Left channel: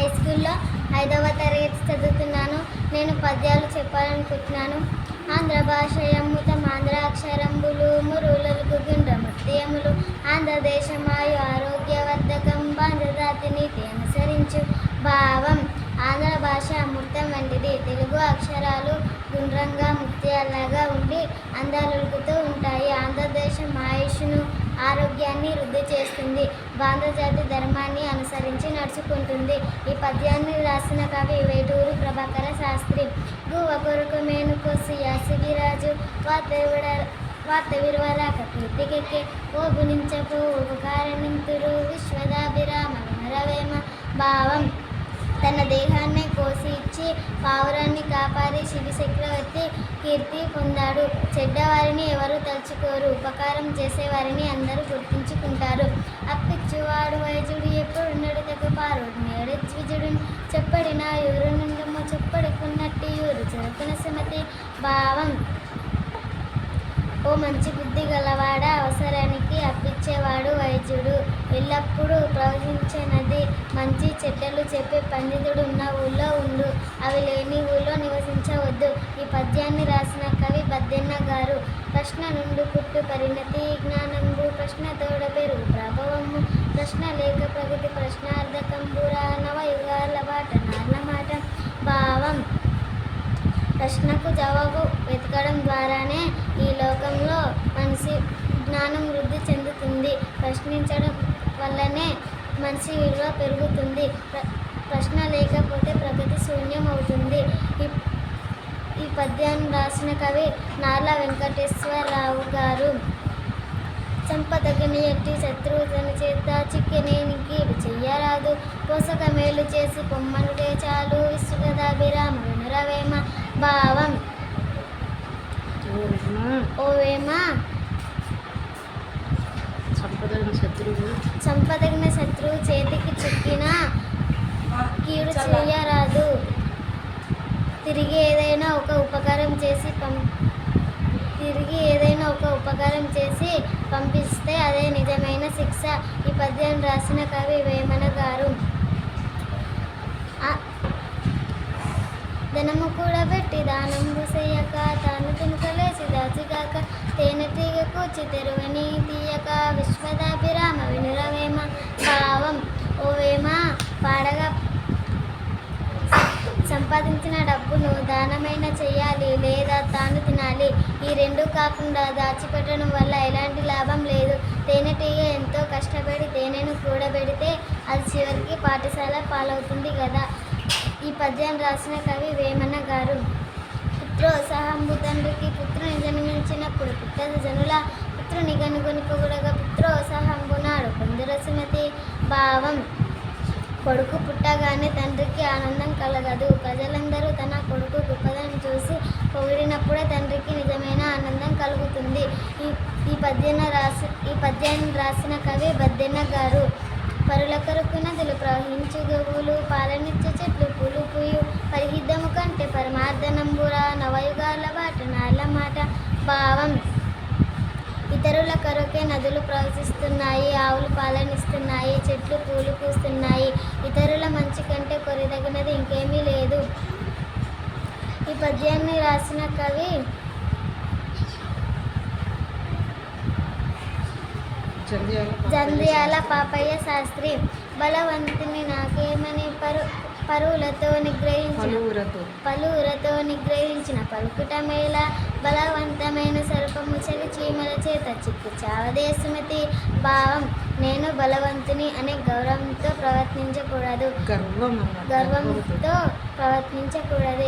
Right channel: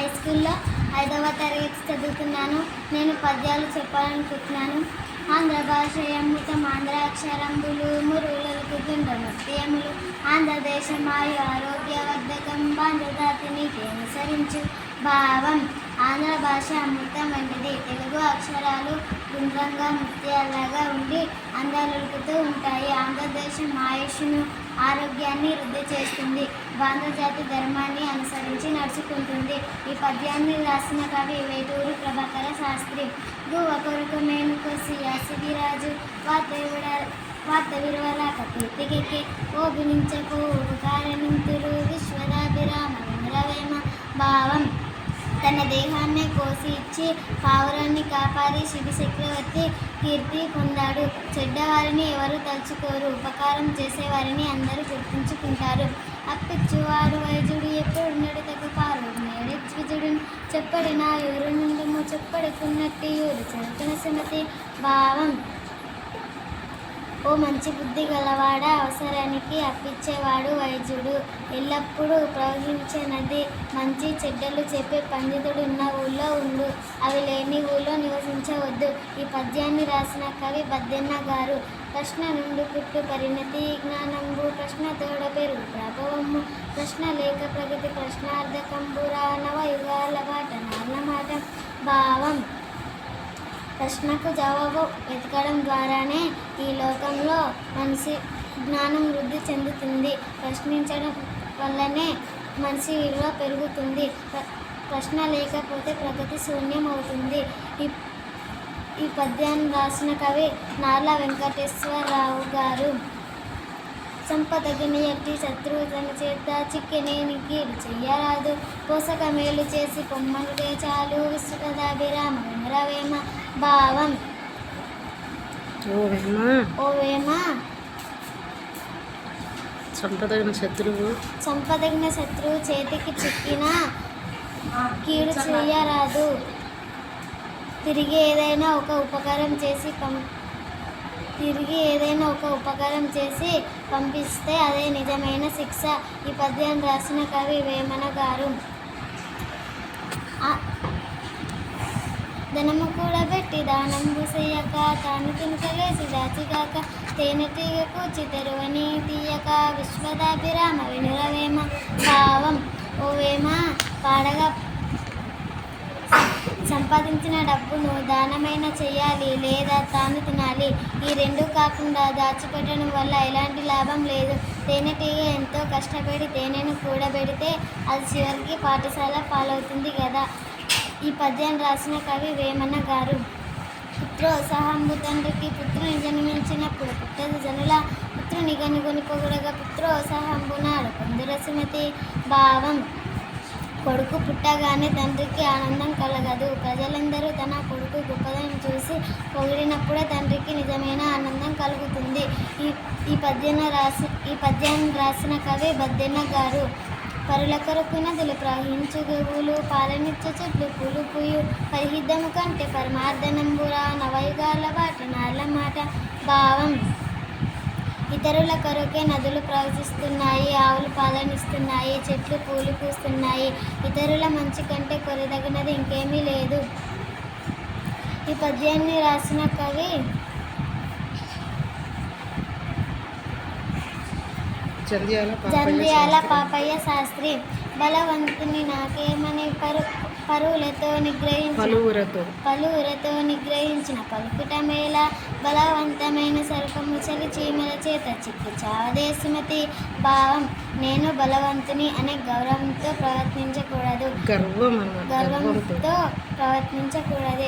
High స్కూల్లో 5వ తరగతి చదువుతున్నాను. నేను పద్యాలు చెప్పాలనుకుంటున్నాను. ఆంధ్ర భాష అమృతం ఆంధ్రాక్షరంబులు మురులకు గుండముత్యములు ఆంధ్రదేశమాయు ఆరోగ్యవర్ధకం బాంధ్రజాతి నీతి అనుసరించు భావం. ఆంధ్ర భాష అమృతం వంటిది. తెలుగు అక్షరాలు గుండ్రంగా ముత్యాలలాగా ఉండి అందాలులుకుతూ ఉంటాయి. ఆంధ్రదేశం ఆయుష్ను ఆరోగ్యాన్ని వృద్ధి చేస్తుంది. బాంధ్రజాతి ధర్మాన్ని అనుసరించి నడుచుకుంటుంది. ఈ పద్యాన్ని రాసిన కవి వేటూరి ప్రభాకర శాస్త్రి. గువ్వ కొరకు మేనుకోసి యాసిగిరాజు వార్త విరవరాక కీర్తికెక్కి ఓ గుణించకో ఉపకారణంతురు విశ్వదాభిరామ వినురవేమ భావం. తన దేహాన్ని కోసి ఇచ్చి పావురాన్ని కాపాడి శిబి చక్రవర్తి కీర్తి పొందాడు. చెడ్డవారిని ఎవరు తలుచుకోరు, ఉపకారం చేసేవారిని అందరూ గుర్తుంచుకుంటారు. అప్పిచ్చువాడు వైద్యుడు ఎప్పుడు నడుతకు పారుడు నేడెచ్చుజుడు చెప్పడి నా యూరు నుండము చెప్పడుకున్నట్టు యూరు చెరుకున సుమతి భావం. ఓ మంచి బుద్ధి గలవాడ, అవసరానికి అప్పిచ్చేవాడు వైద్యుడు. ఎల్లప్పుడూ ప్రవహించే నది. మంచి చెడ్డలు చెప్పే పండితుడు ఉన్న ఊళ్ళో ఉండు, అవి లేని ఊళ్ళో నివసించవద్దు. ఈ పద్యాన్ని రాసిన కవి బద్దెన్న గారు. ప్రశ్న నుండి పుట్టు పరిణతి జ్ఞానంబు ప్రశ్న తోడ పెరుగు ప్రభావము ప్రశ్న లేక ప్రగతి ప్రశ్నార్థకంబురా నవయుగాల బాట నార్ల మాట భావం. ప్రశ్నకు జవాబు వెతకడం ద్వారానే ఈ లోకంలో మనిషి జ్ఞానం వృద్ధి చెందుతుంది. ప్రశ్నించడం వల్లనే మనిషి విలువ పెరుగుతుంది. ప్రశ్న లేకపోతే ప్రగతి శూన్యం అవుతుంది. ఈ పద్యాన్ని రాసిన కవి నార్ల వెంకటేశ్వరరావు గారు. చంపదగని ఎట్టి శత్రువు తన చేత చిక్కెనేని కీడు చెయ్యరాదు. పోషక మేలు చేసి పొమ్మను చాలు విశ్వదాభిరామ వినురవేమ భావం. ఓ వేమ సంపదగిన శత్రువు చేతికి చిక్కిన కీడు చెయ్యరాదు. తిరిగి ఏదైనా ఒక ఉపకారం చేసి పంపిస్తే అదే నిజమైన శిక్ష. ఈ పద్యాన్ని రాసిన కవి వేమన గారు. ధనము కూడబెట్టి దానంబు చెయ్యక తాను తినుకలేసి దాచిగాక తేనెటీగ కూర్చి తెరువని తీయక విశ్వదాభిరామ వినురవేమ భావం. ఓ వేమ పాడగా సంపాదించిన డబ్బును దానమైన చెయ్యాలి లేదా తాను తినాలి. ఈ రెండు కాకుండా దాచిపెట్టడం వల్ల ఎలాంటి లాభం లేదు. తేనెటీగ ఎంతో కష్టపడి తేనెను కూడబెడితే అది చివరికి పాఠశాల పాలవుతుంది కదా. ఈ పద్యాన్ని రాసిన కవి వేమన గారు. పుత్రోత్సాహంబు తండ్రికి పుత్రుని జన్మించినప్పుడు పుట్టదు జనుల పుత్రుని కనుగొని పొగడగా పుత్రోత్సాహంబు నాడు కొందరు సుమతి భావం. కొడుకు పుట్టగానే తండ్రికి ఆనందం కలగదు. ప్రజలందరూ తన కొడుకు గొప్పదనం చూసి పొగిడినప్పుడే తండ్రికి నిజమైన ఆనందం కలుగుతుంది. ఈ పద్యాన్ని రాసిన కవి బద్దెన్న గారు. పరుల కొరకు నదులు ప్రవహించు గోవులు పాలనిచ్చు చెట్లు పూలు పూయు పరిహిద్దము కంటే పరమార్థనంబురా నవయుగాల బాట నార్ల మాట భావం. ఇతరుల కొరకే నదులు ప్రవహిస్తున్నాయి, ఆవులు పాలనిస్తున్నాయి, చెట్లు పూలు పూస్తున్నాయి. ఇతరుల మంచి కంటే కొరిదగినది ఇంకేమీ లేదు. ఈ పద్యాన్ని రాసిన కవి జంధ్యాల పాపయ్య శాస్త్రి. బలవంతుని నాకేమని పరువులతో నిగ్రహించిన పలుకుట మేళ బలవంతమైన సర్పము చలి చీమల చేత చిక్కి చావదే సుమతి భావం. నేను బలవంతుని అనే గర్వంతో ప్రవర్తించకూడదు.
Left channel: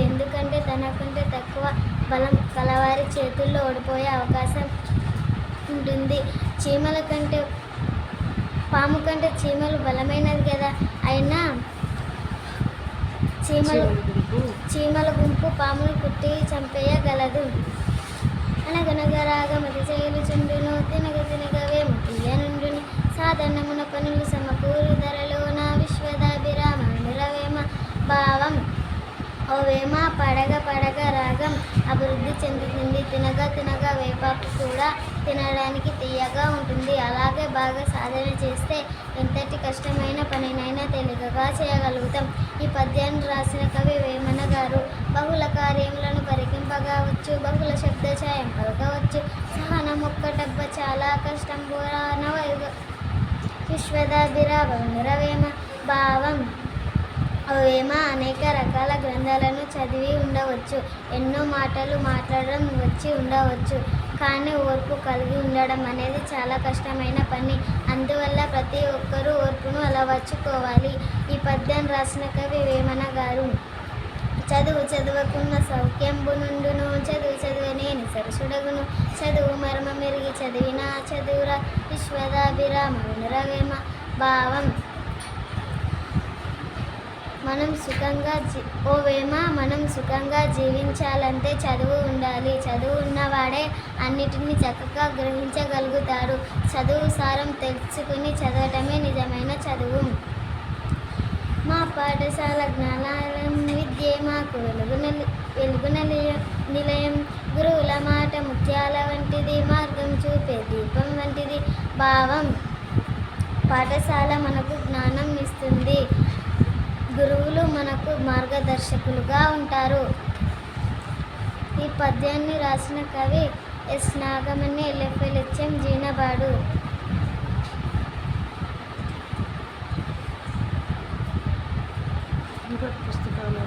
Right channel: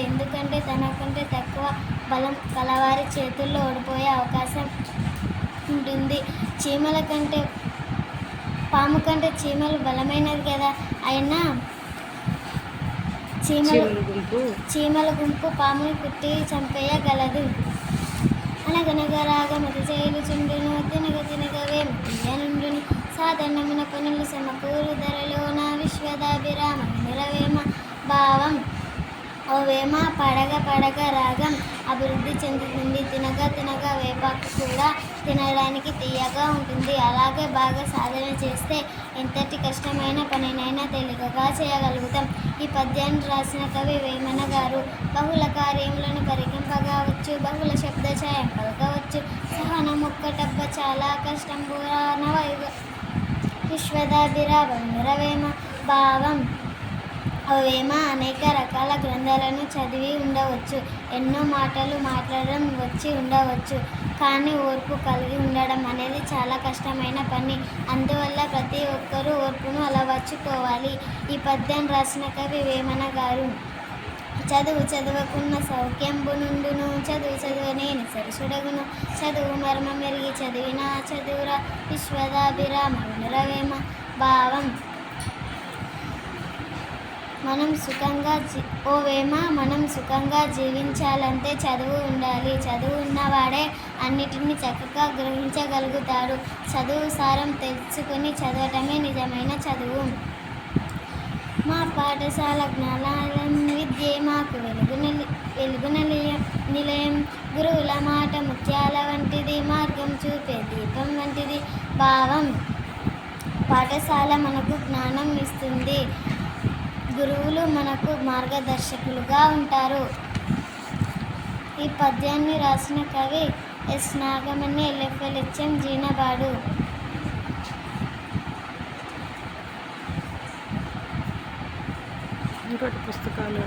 ఎందుకంటే తనకంటే తక్కువ బలం కలవారి చేతుల్లో ఓడిపోయే అవకాశం ఉంటుంది. పాము కంటే చీమలు బలమైనది కదా. అయినా చీమల గుంపు పాముని కుట్టి చంపేయగలదు. అనగనగరాగ మతి చేయుచుండును తినగ వేమ తీయనుండును సాధారణమున పనులు సమకూరు ధరలోన విశ్వదాభిరామ వినురవేమ భావం. ఓ వేమ పడగ రాగం అభివృద్ధి చెందుతుంది. తినగా వేపాకు కూడా తినడానికి తీయగా ఉంటుంది. అలాగే బాగా సాధన చేస్తే ఎంతటి కష్టమైన పనినైనా తేలికగా చేయగలుగుతాం. ఈ పద్యాన్ని రాసిన కవి వేమన గారు. బహుళ కార్యములను పరికింపగా వచ్చు, బహుళ శబ్దఛాయం పలకవచ్చు. సహనం ఒక్కటబ్బ చాలా కష్టం నవయుగ విశ్వదాభిరామ భావం. వేమ అనేక రకాల గ్రంథాలను చదివి ఉండవచ్చు, ఎన్నో మాటలు మాట్లాడడం వచ్చి ఉండవచ్చు. కానీ ఓర్పు కలిగి ఉండడం అనేది చాలా కష్టమైన పని. అందువల్ల ప్రతి ఒక్కరూ ఓర్పును అలవర్చుకోవాలి. ఈ పద్యం రాసిన కవి వేమన గారు. చదువు చదువుకున్న సౌఖ్యంబు నుండును, చదువు చదువునేని సరసుడగును. చదువు మర్మ మెరిగి చదివిన చదువురా విశ్వదాభిరామ వినురవేమ భావం. మనం సుఖంగా జీవించాలంటే చదువు ఉండాలి. చదువు ఉన్నవాడే అన్నిటినీ చక్కగా గ్రహించగలుగుతారు. చదువు సారం తెలుసుకుని చదవటమే నిజమైన చదువు. మా పాఠశాల జ్ఞానాలయం విద్యే మాకు వెలుగు నిలయం. గురువుల మాట ముత్యాల వంటిది, మార్గం చూపే దీపం వంటిది భావం. పాఠశాల మనకు జ్ఞానం ఇస్తుంది, గురువులు మనకు మార్గదర్శకులుగా ఉంటారు. ఈ పద్యాన్ని రాసిన కవి ఎస్ నాగమణి, LFLHM, జీనబాడు. ఇంకోటి పుస్తకాలు